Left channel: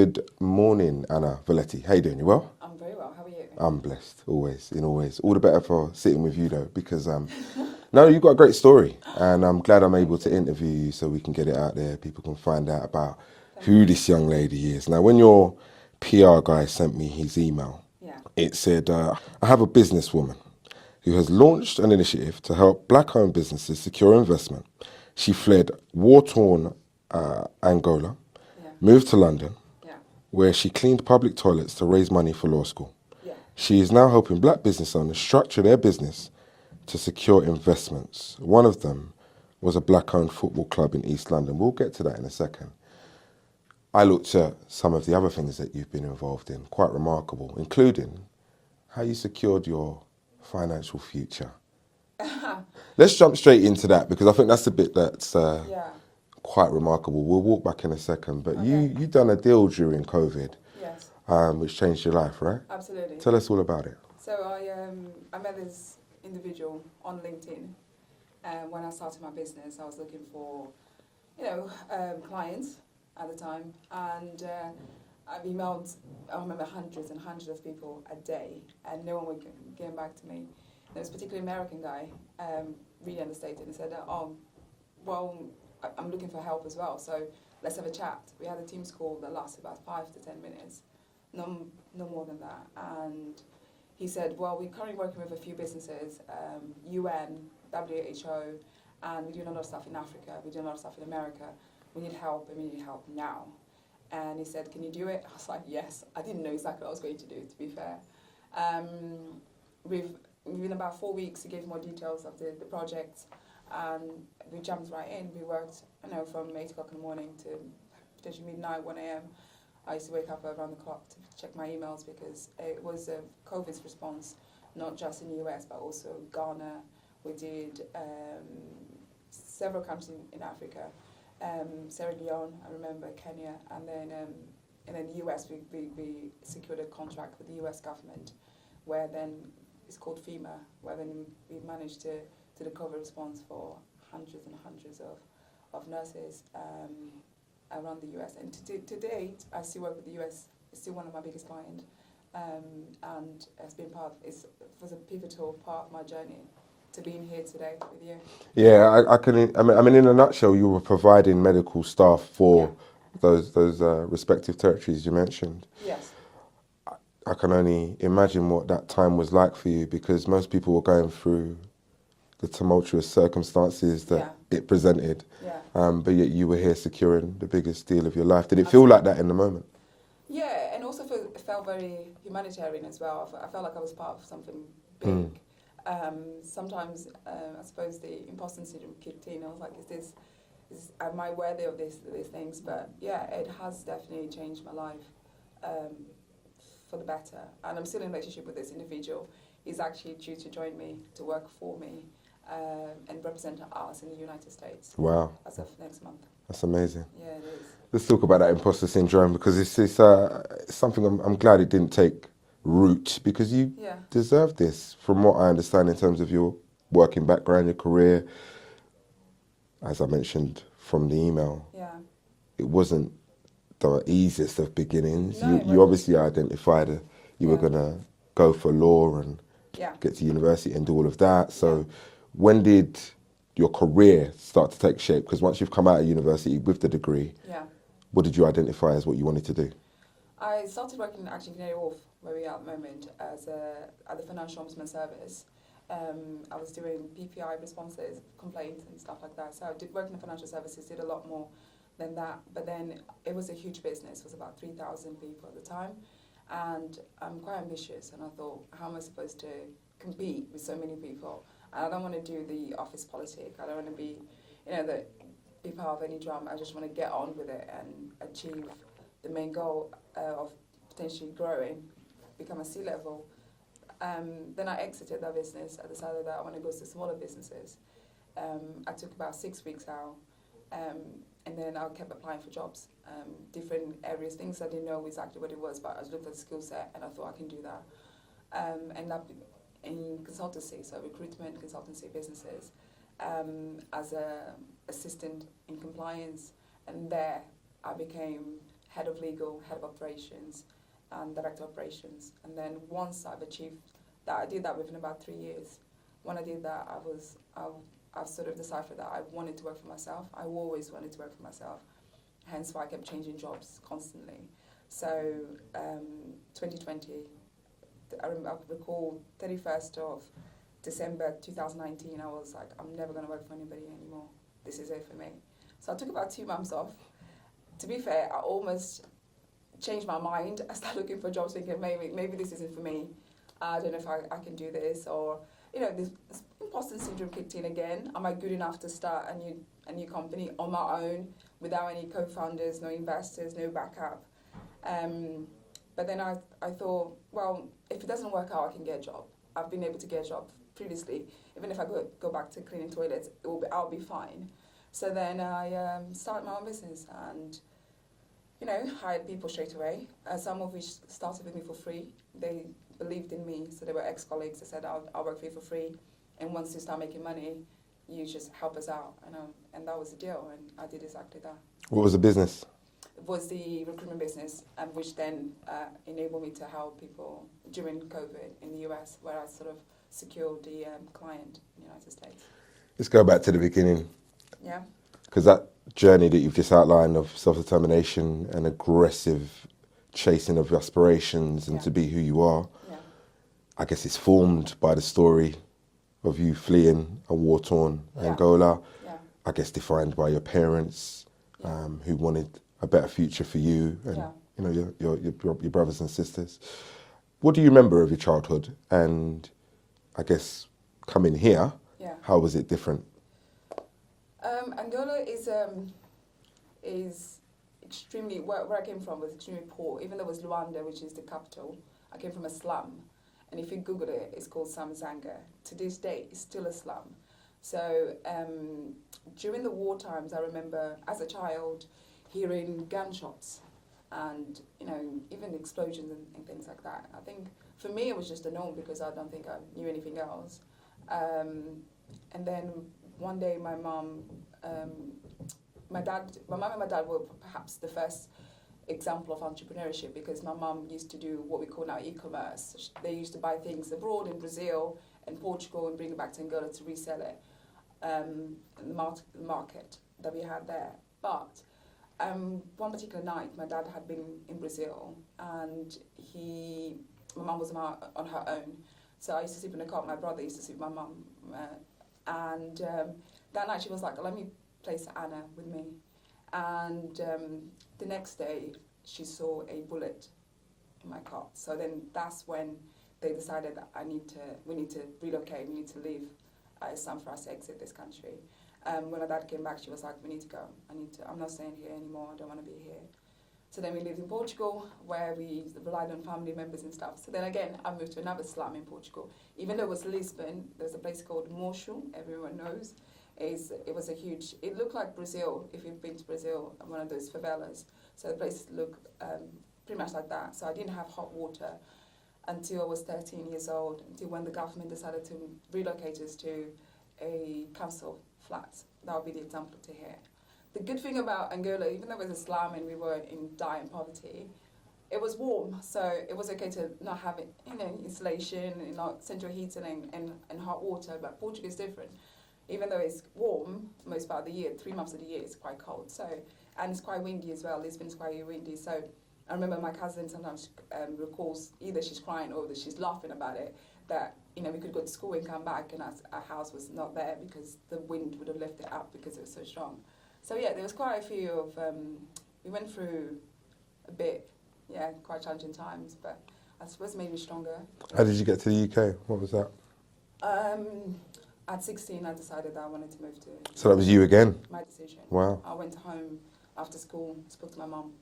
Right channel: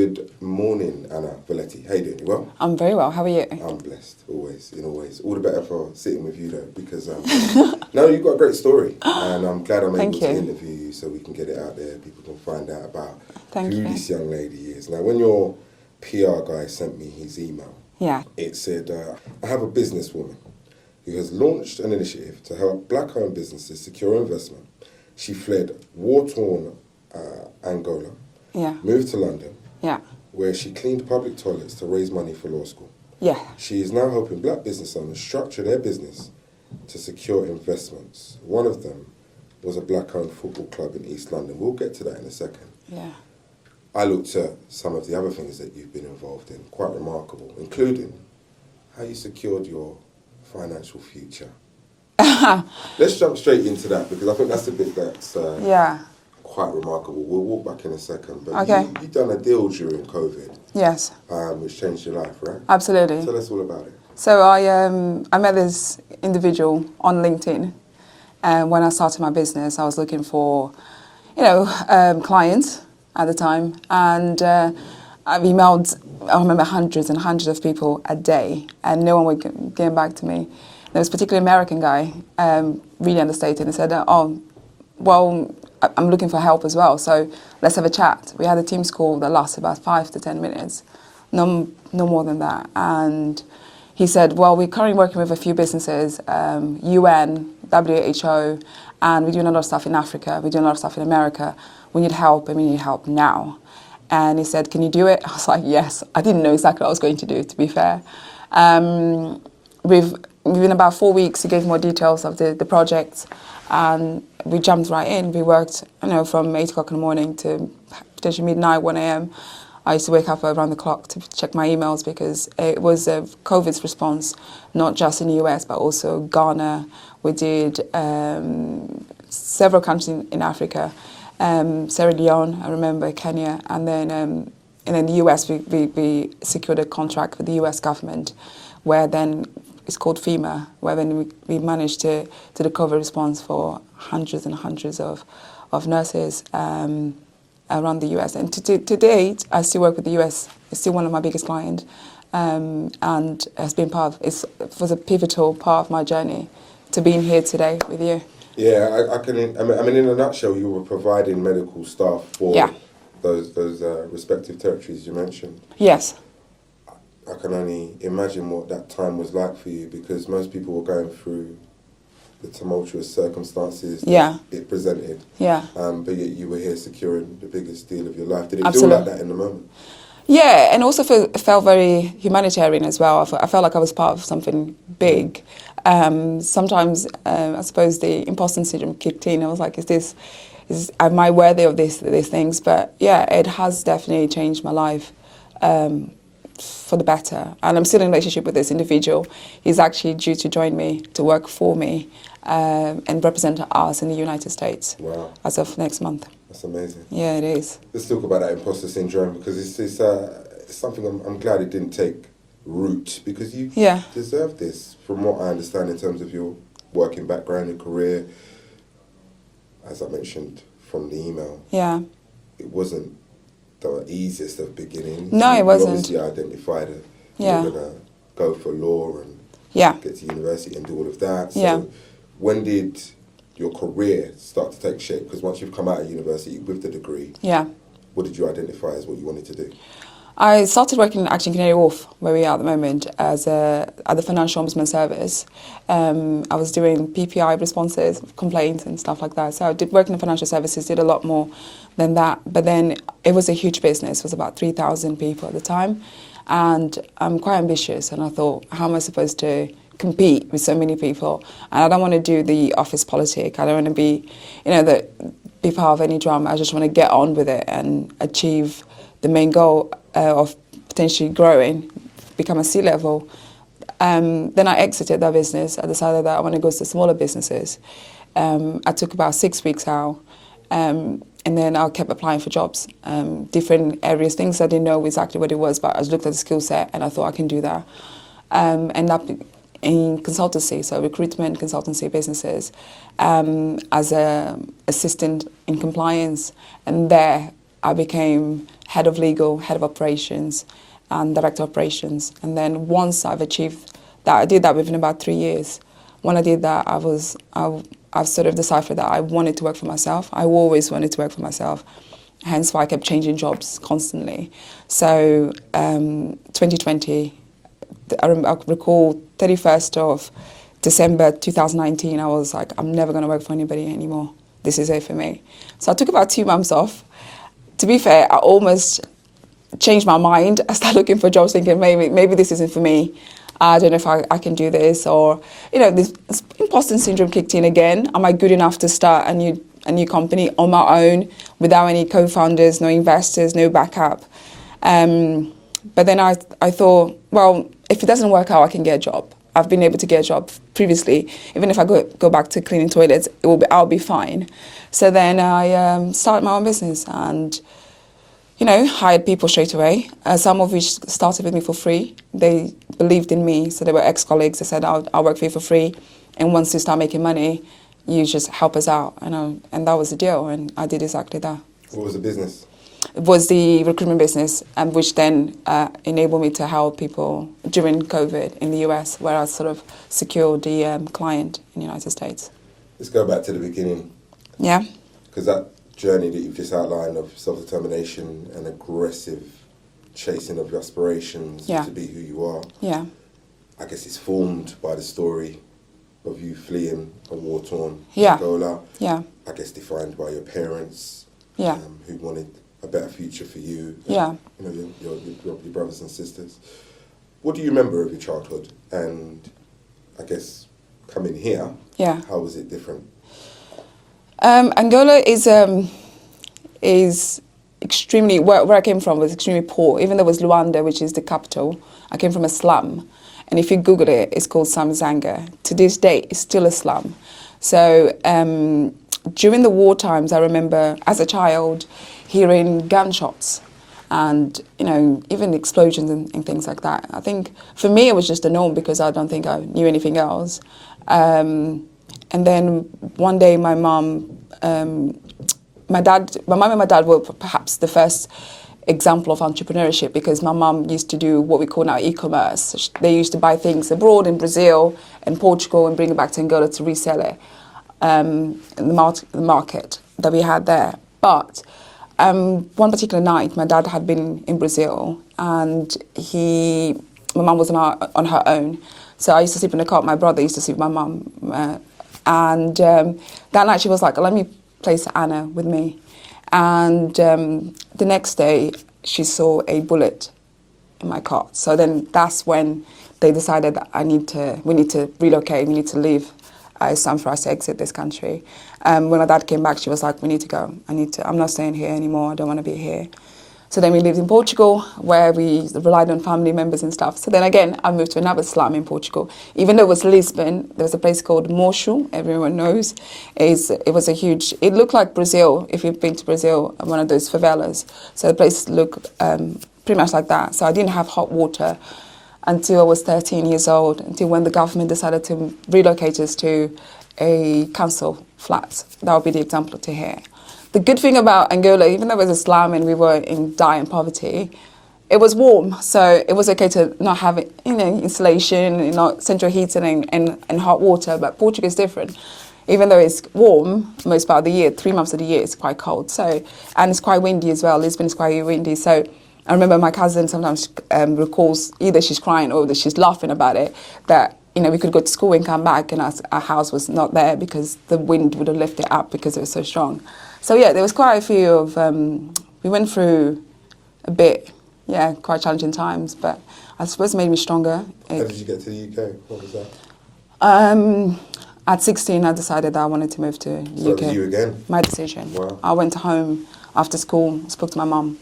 Good morning, Ana Vilhete. How you doing? You well? I'm very well. How are you? I'm blessed, always, in always. All the better for sitting with you, though, because no, you've got a great story, and I'm glad I'm able to interview you so we can get it out there. People can find out about who this young lady is. Now, when your PR guy sent me his email, it said, I have a businesswoman who has launched an initiative to help black-owned businesses secure investment. She fled war-torn Angola, moved to London, where she cleaned public toilets to raise money for law school. She is now helping black business owners structure their business to secure investments. One of them was a black-owned football club in East London. We'll get to that in a second. I looked at some of the other things that you've been involved in, quite remarkable, including how you secured your financial future. Let's jump straight into that, because I think that's the bit that's quite remarkable. We'll walk back in a second, but you done a deal during COVID. Yes. Which changed your life, right? Absolutely. Tell us all about it. So I met this individual on LinkedIn, and when I started my business, I was looking for, clients at the time, and I've emailed, I remember, hundreds and hundreds of people a day, and no one would get back to me. There was a particular American guy, really understated, and said, I'm looking for help as well, so let's have a chat. We had a Teams call that lasted about 5 to 10 minutes, no more than that. And he said, well, we're currently working with a few businesses, UN, WHO, and we're doing a lot of stuff in Africa, we're doing a lot of stuff in America. We need help, and we need help now. And he said, can you do it? I was like, yes. I didn't know exactly what I was going to do, to be fair. Within about 4 weeks, he gave more details of the project, and we jumped right in. We worked, from 8 o'clock in the morning to potentially midnight, 1 a.m. I used to wake up around the clock to check my emails, because it was a COVID's response, not just in the US, but also Ghana. We did several countries in Africa, Sierra Leone, I remember, Kenya, and then in the US, we secured a contract with the US government, where then it's called FEMA, where then we managed to do the COVID response for hundreds and hundreds of nurses around the US. And to date, I still work with the US. It's still one of my biggest clients, and has been it was a pivotal part of my journey to being here today with you. Yeah, I mean, in a nutshell, you were providing medical staff for those respective territories you mentioned. Yes. I can only imagine what that time was like for you, because most people were going through the tumultuous circumstances that it presented. But yet you were here securing the biggest deal of your life. Did it feel like that in the moment? Yeah, and also felt very humanitarian as well. I felt like I was part of something big. Sometimes, I suppose, the imposter syndrome kicked in. I was like, am I worthy of these things? But yeah, it has definitely changed my life for the better. And I'm still in a relationship with this individual. He's actually due to join me, to work for me, and represent us in the United States. Wow. As of next month. That's amazing. Yeah, it is. Let's talk about that imposter syndrome, because it's something I'm glad it didn't take root, because you deserve this, from what I understand, in terms of your working background, your career. As I mentioned from the email, it wasn't the easiest of beginnings. No, it wasn't. You obviously identified that you were going to go for law and get to university and do all of that. So when did your career start to take shape? Because once you've come out of university with the degree, what did you identify as what you wanted to do? I started working actually in Canary Wharf, where we are at the moment, at the Financial Ombudsman Service. I was doing PPI responses, complaints and stuff like that. So I did work in the financial services, did a lot more than that. But then it was a huge business. It was about 3,000 people at the time. And I'm quite ambitious. And I thought, how am I supposed to compete with so many people? And I don't want to do the office politic. I don't want to be, be part of any drama. I just want to get on with it and achieve the main goal of potentially growing, become a C-level. Then I exited that business. I decided that I want to go to smaller businesses. I took about 6 weeks out, and then I kept applying for jobs, different areas, things I didn't know exactly what it was, but I looked at the skill set and I thought I can do that. Ended up in consultancy, so recruitment, consultancy businesses, as an assistant in compliance, and there I became head of legal, head of operations, and director of operations. And then once I've achieved that, I did that within about 3 years. When I did that, I've sort of deciphered that I wanted to work for myself. I always wanted to work for myself. Hence why I kept changing jobs constantly. So 2020, I recall 31st of December 2019, I was like, I'm never going to work for anybody anymore. This is it for me. So I took about 2 months off. To be fair, I almost changed my mind. I started looking for jobs thinking maybe this isn't for me. I don't know if I can do this, or, this imposter syndrome kicked in again. Am I good enough to start a new company on my own without any co-founders, no investors, no backup? But then I thought, well, if it doesn't work out, I can get a job. I've been able to get a job previously. Even if I go back to cleaning toilets, I'll be fine. So then I started my own business and, hired people straight away, some of which started with me for free. They believed in me, so they were ex-colleagues. They said, I'll work for you for free, and once you start making money, you just help us out. And that was the deal, and I did exactly that. What was the business? It was the recruitment business, which then enabled me to help people during COVID in the US, where I sort of secured the client in the United States. Let's go back to the beginning. Yeah. Because that journey that you've just outlined of self-determination and aggressive chasing of your aspirations to be who you are, I guess it's formed by the story of you fleeing a war-torn Angola. Yeah. I guess defined by your parents who wanted a better future for you and, your brothers and sisters. What do you remember of your childhood? And I guess coming here, how was it different? Angola is extremely, where I came from was extremely poor. Even though it was Luanda, which is the capital, I came from a slum. And if you Google it, it's called Samazanga. To this day, it's still a slum. So during the war times, I remember as a child hearing gunshots and, even explosions and things like that. I think for me, it was just a norm because I don't think I knew anything else. And then one day my mum and my dad were perhaps the first example of entrepreneurship because my mum used to do what we call now e-commerce. They used to buy things abroad in Brazil and Portugal and bring it back to Angola to resell it in the market that we had there. But one particular night, my dad had been in Brazil and my mum was on her own. So I used to sleep in the car. My brother used to sleep with my mum. And that night she was like, let me place Anna with me. And the next day she saw a bullet in my car. So then that's when they decided that we need to relocate, we need to leave. It's time for us to exit this country. When my dad came back, she was like, we need to go. I'm not staying here anymore. I don't want to be here. So then we lived in Portugal, where we relied on family members and stuff. So then again, I moved to another slum in Portugal. Even though it was Lisbon, there was a place called Mocho, everyone knows. It was a huge, it looked like Brazil, if you've been to Brazil, one of those favelas. So the place looked pretty much like that. So I didn't have hot water until I was 13 years old, until when the government decided to relocate us to a council flat. That would be the example to here. The good thing about Angola, even though it was a slum and we were in dire poverty, it was warm. So it was okay to not have insulation, not central heating and hot water. But Portugal is different. Even though it's warm most part of the year, 3 months of the year, it's quite cold. So, and it's quite windy as well. Lisbon is quite windy. So I remember my cousin sometimes recalls either she's crying or that she's laughing about it, that we could go to school and come back and our house was not there because the wind would have lifted it up because it was so strong. So yeah, there was quite a few of, we went through a bit, quite challenging times, but I suppose it made me stronger. How did you get to the UK? What was that? At 16, I decided that I wanted to move to UK. So that was you again? My decision. Wow. I went home after school, spoke to my mum,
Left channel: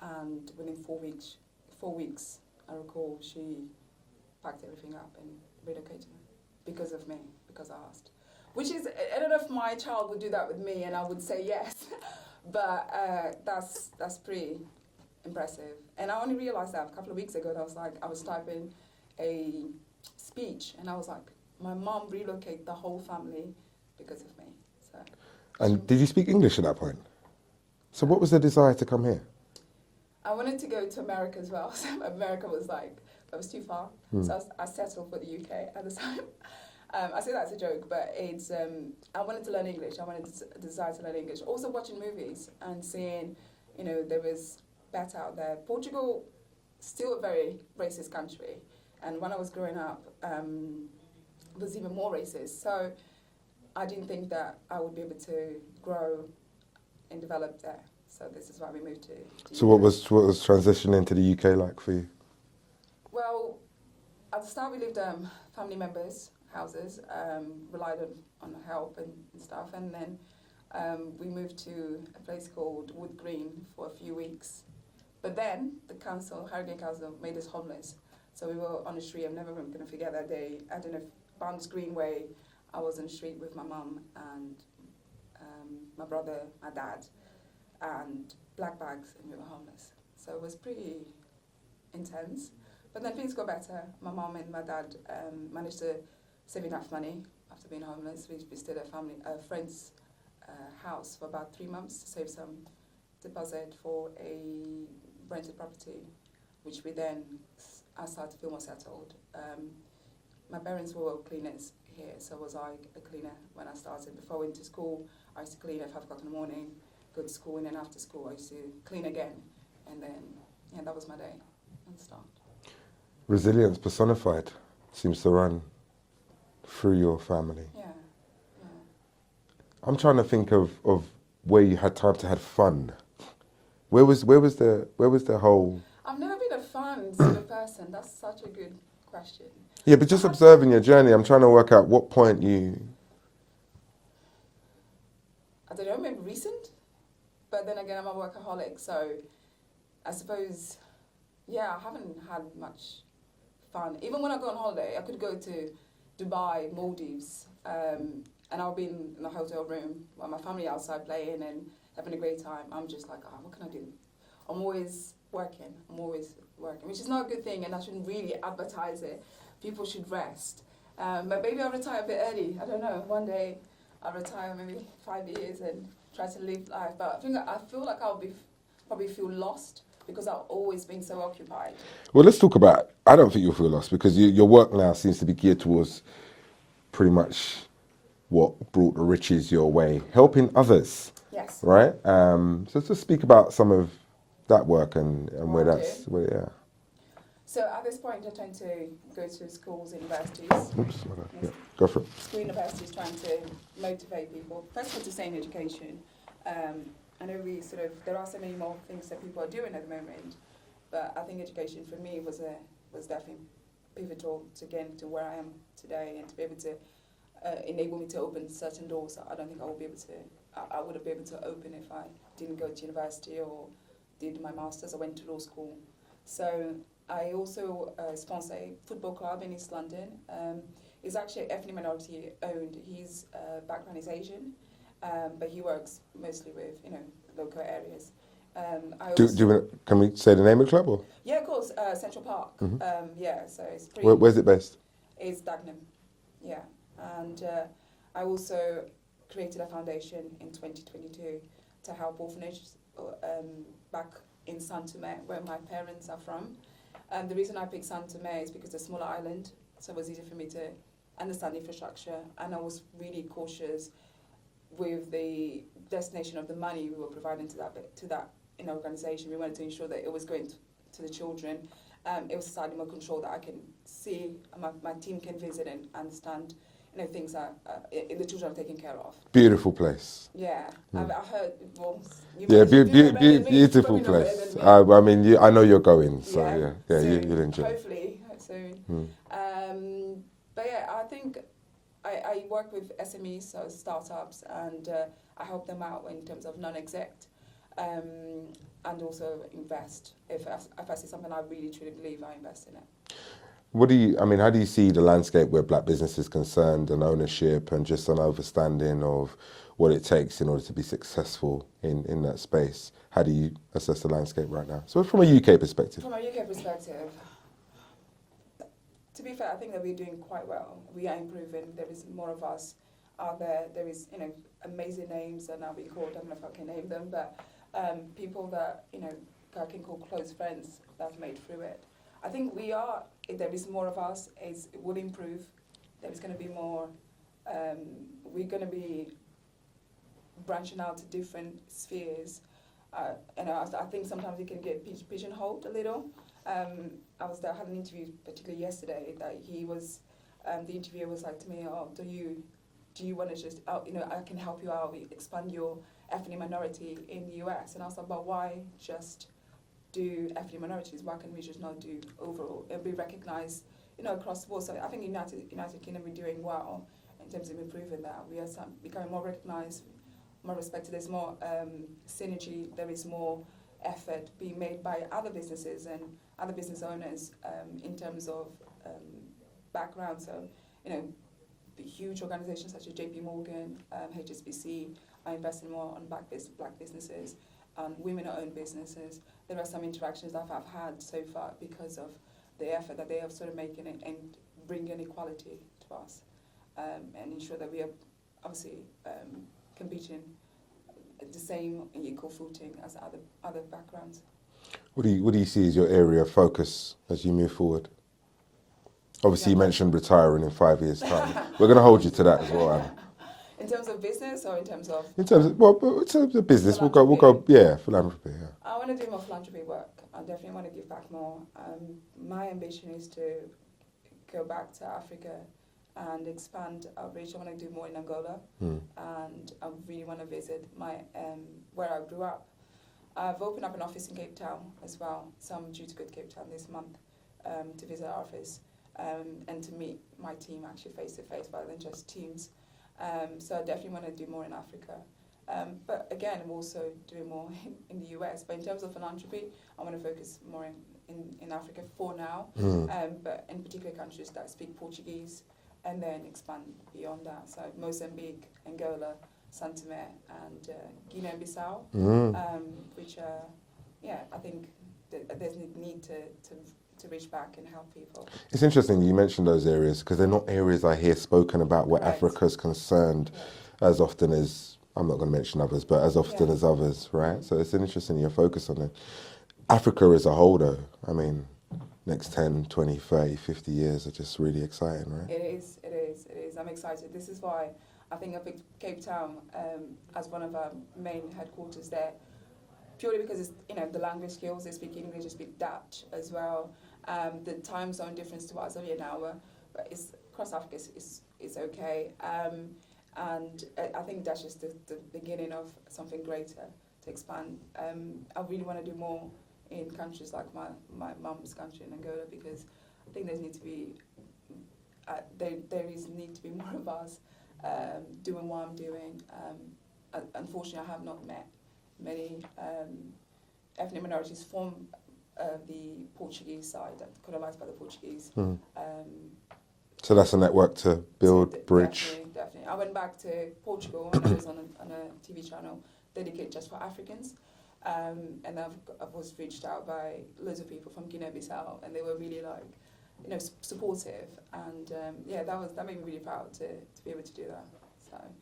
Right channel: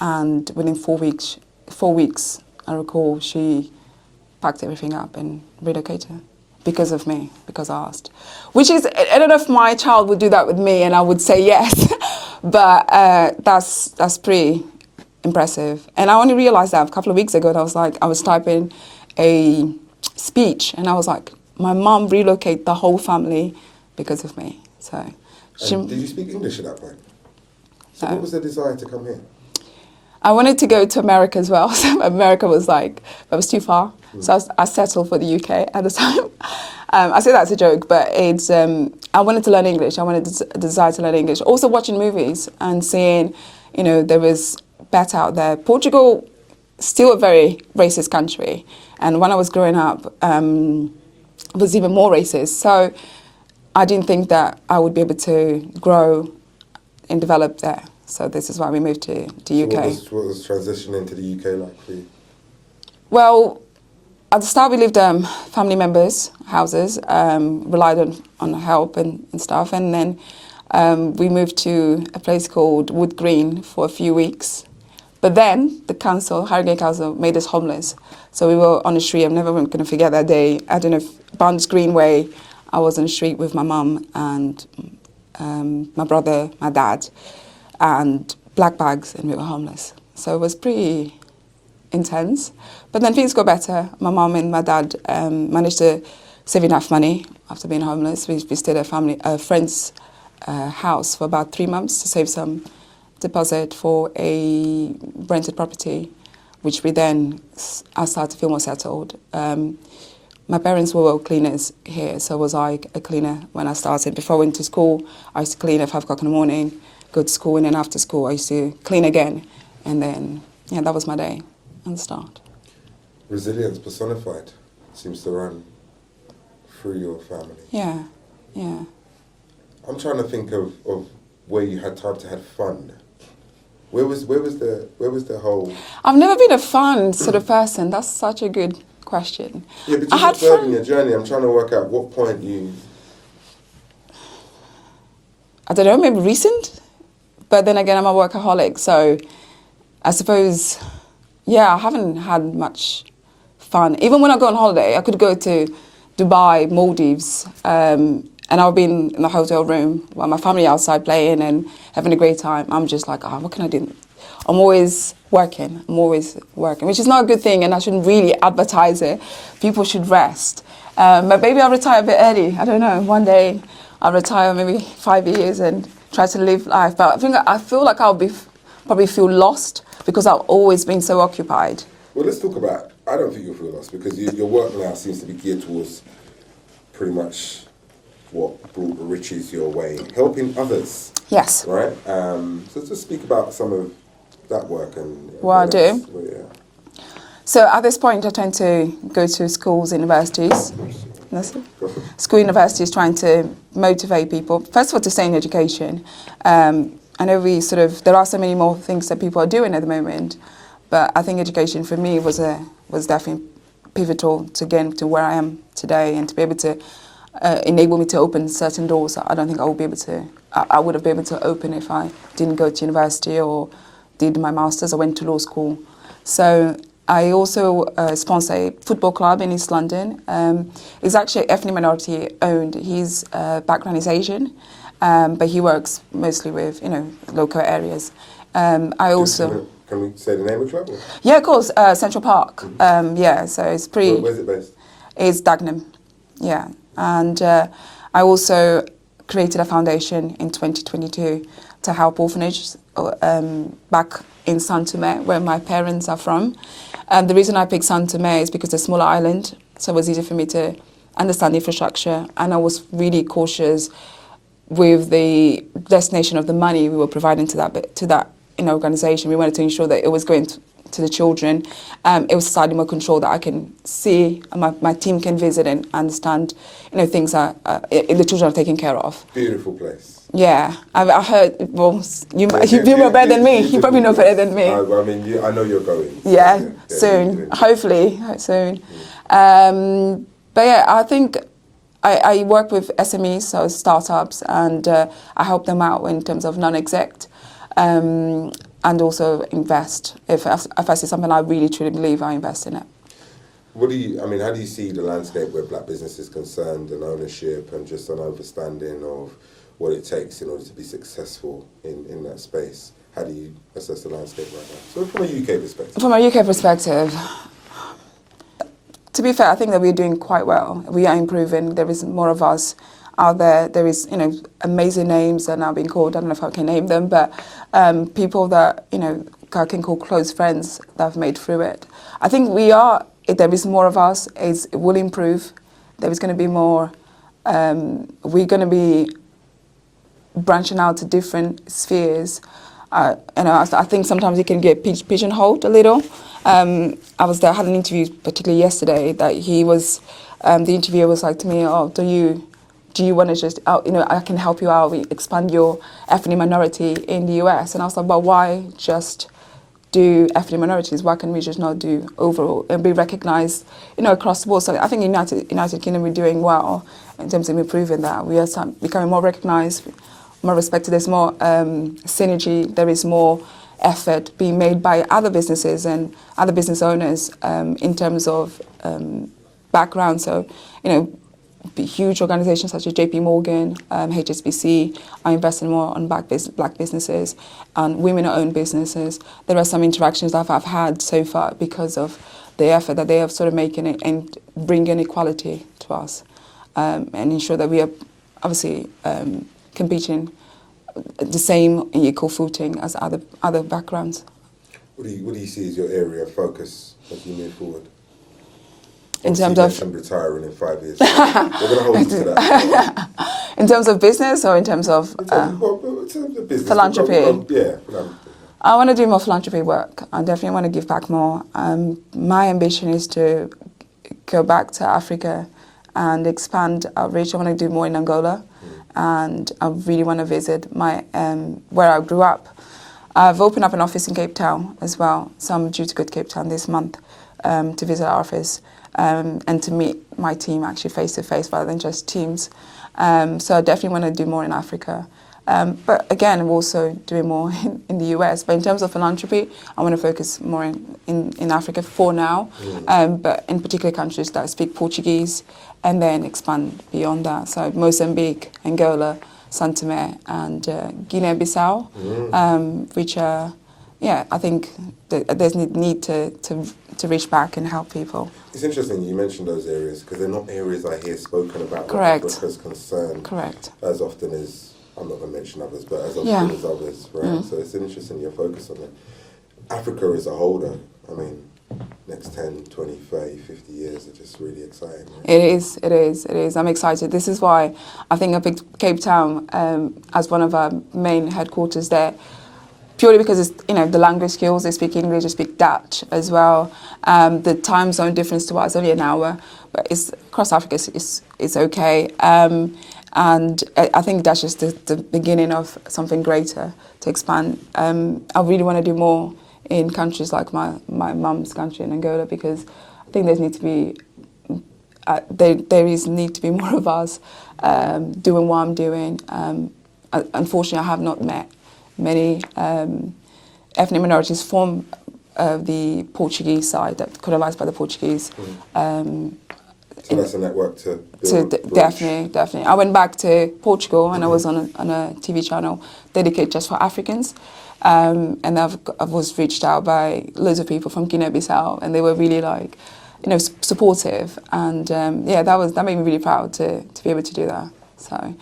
and within 4 weeks, I recall she packed everything up and relocated. Because of me, because I asked. Which is, I don't know if my child would do that with me and I would say yes, but that's pretty impressive. And I only realised that a couple of weeks ago, that I was typing a speech and I was like, my mum relocated the whole family because of me. So. Did you speak English at that point? So what was the desire to come here? I wanted to go to America as well. So America was like, that was too far. So I settled for the UK at the time. I say that as a joke, but it's, I wanted to learn English. I wanted the desire to learn English. Also watching movies and seeing, you know, there was better out there. Portugal, still a very racist country. And when I was growing up, it was even more racist. So I didn't think that I would be able to grow and develop there. So this is why we moved to UK. So what was transitioning to the UK like for you? Well, at the start we lived family members' houses, relied on help and stuff. And then we moved to a place called Wood Green for a few weeks. But then the council, Harrogate Council, made us homeless. So we were on the street. I'm never going to forget that day. I don't know if Barnes Greenway, I was on the street with my mum and my brother, my dad, and black bags, and we were homeless. So it was pretty intense. But then things got better. My mum and my dad managed to save enough money after being homeless. We stayed at a friend's house for about 3 months to save some deposit for a rented property, which I started to feel more settled. My parents were cleaners here, so was I a cleaner when I started. Before I went to school, I used to clean at 5 o'clock in the morning, go to school, and then after school I used to clean again. And then, yeah, that was my day and the start. Resilience personified seems to run through your family. Yeah, yeah. I'm trying to think of where you had time to have fun. Where was the whole... I've never been a fun sort of person. That's such a good question. Yeah, but just observing your journey, I'm trying to work out what point you... I don't know, maybe recent? But then again, I'm a workaholic, so I suppose, yeah, I haven't had much fun. Even when I go on holiday, I could go to Dubai, Maldives, and I've been in the hotel room while my family outside playing and having a great time. I'm just like, oh, what can I do? I'm always working, which is not a good thing, and I shouldn't really advertise it. People should rest. But maybe I'll retire a bit early. I don't know, one day I'll retire maybe 5 years and try to live life. But I feel like I'll probably feel lost because I've always been so occupied. Well, let's talk about, I don't think you'll feel lost because your work now seems to be geared towards pretty much what brought the riches your way, helping others. Yes. Right? So just speak about some of that work and what I do. Yeah. So at this point, I tend to go to schools, universities. Go for it. School, universities, trying to motivate people. First of all, to stay in education. I know there are so many more things that people are doing at the moment, but I think education for me was definitely pivotal to get to where I am today and to be able to enable me to open certain doors that I don't think I would have been able to open if I didn't go to university or did my master's or went to law school. So I also sponsor a football club in East London. It's actually ethnic minority owned. His background is Asian, but he works mostly with local areas. Can we say the name of the club? Or? Yeah, of course. Central Park. Mm-hmm. Yeah, so it's pretty. Where's it based? It's Dagenham. Yeah, and I also created a foundation in 2022 to help orphanages back in Saint Tomé, where my parents are from. And the reason I picked Saint Tomé is because it's a smaller island, so it was easy for me to understand the infrastructure, and I was really cautious with the destination of the money we were providing to that organisation. We wanted to ensure that it was going to the children. It was slightly more controlled, that I can see, and my team can visit and understand, things that the children are taken care of. Beautiful place. Yeah, I heard. Well, you know better than me. You probably know better than me. I know you're going. So yeah, soon. Hopefully, soon. But yeah, I think I work with SMEs, so startups, and I help them out in terms of non-exec. And also invest. If I see something I really truly believe, I invest in it. How do you see the landscape where black business is concerned, and ownership, and just an understanding of what it takes in order to be successful in that space? How do you assess the landscape right now? So from a UK perspective. From a UK perspective, to be fair, I think that we're doing quite well. We are improving. There is more of us. out there. There is, amazing names that are now being called. I don't know if I can name them, but people that, I can call close friends that have made through it. I think there is more of us. It will improve. There is going to be more. We're going to be branching out to different spheres. I think sometimes you can get pigeonholed a little. I was there, I had an interview, particularly yesterday, that he was, the interviewer was like to me, "Oh, do you want to just, I can help you out, expand your ethnic minority in the US." And I was like, "But why just do ethnic minorities? Why can't we just not do overall and be recognised, across the board?" So I think United Kingdom, we're doing well in terms of improving that. We are becoming more recognised, more respected. There's more synergy. There is more effort being made by other businesses and other business owners in terms of background. So, huge organisations such as JP Morgan, HSBC are investing more on black businesses and women-owned businesses. There are some interactions that I've had so far because of the effort that they have sort of making it and bringing equality to us and ensure that we are obviously competing the same and equal footing as other backgrounds. What do you see as your area of focus as you move forward? In Obviously, terms you of mentioned retiring in 5 years. We're going to hold you to that. In terms of business or in terms of in terms of business, philanthropy? Philanthropy. Yeah. I want to do more philanthropy work. I definitely want to give back more. My ambition is to go back to Africa and expand outreach. I want to do more in Angola, and I really want to visit where I grew up. I've opened up an office in Cape Town as well, so I'm due to go to Cape Town this month to visit our office and to meet my team actually face to face rather than just Teams. So I definitely want to do more in Africa. But again, I'm also doing more in the US. But in terms of philanthropy, I want to focus more in Africa for now, but in particular countries that speak Portuguese, and then expand beyond that. So Mozambique, Angola, São Tomé, and Guinea-Bissau, which are, I think there's need to reach back and help people. It's interesting you mentioned those areas because they're not areas I hear spoken about where Africa's concerned as often as, I'm not going to mention others, but as often as others, right? So it's interesting your focus on it. Africa as a whole though, I mean, next 10, 20, 30, 50 years are just really exciting, right? It is. I'm excited. This is why I think I picked Cape Town as one of our main headquarters there, purely because it's, the language skills, they speak English, they speak Dutch as well. The time zone difference to us, only an hour, but it's across Africa, it's okay. And I think that's just the beginning of something greater to expand. I really want to do more in countries like my mum's country in Angola, because I think there need to be more of us doing what I'm doing. Unfortunately, I have not met many ethnic minorities from the Portuguese side, that colonized by the Portuguese. So that's a network to build. Definitely. I went back to Portugal and I was on a TV channel dedicated just for Africans. And I was reached out by loads of people from Guinea-Bissau, and they were really supportive. And that made me really proud to be able to do that. So.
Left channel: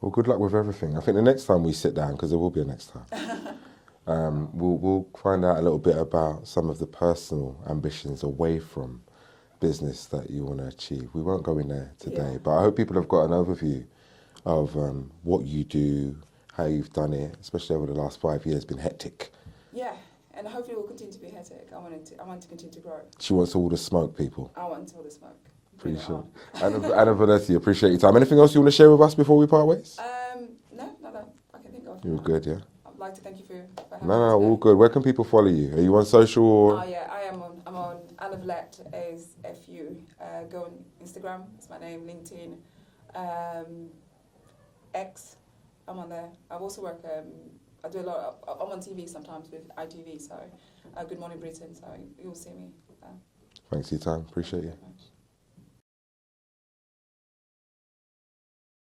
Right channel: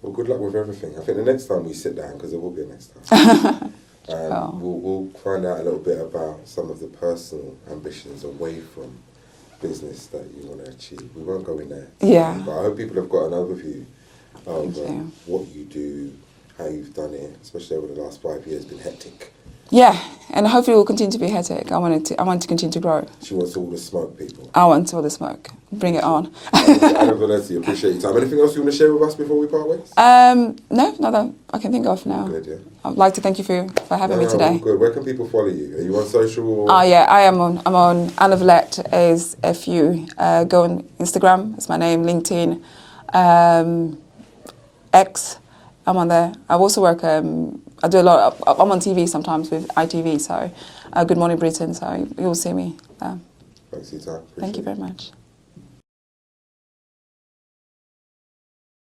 Well, good luck with everything. I think the next time we sit down, because there will be a next time, we'll find out a little bit about some of the personal ambitions away from business that you want to achieve. We won't go in there today, but I hope people have got an overview of what you do, how you've done it, especially over the last 5 years. Been hectic. Yeah, and hopefully it will continue to be hectic. I want to continue to grow. She wants all the smoke, people. I want all the smoke. Bring it on. Ana Vilhete, appreciate your time. Anything else you want to share with us before we part ways? No, not that I can think of now. Good, yeah. I'd like to thank you for having me today. All good. Where can people follow you? Are you on social? I am on. I'm on Ana Vilhete is FU. Go on Instagram. It's my name. LinkedIn, X. I'm on there. I also work. I do a lot. I'm on TV sometimes with ITV. So, Good Morning Britain. So you'll see me. Thanks for your time. Appreciate Thank you very much.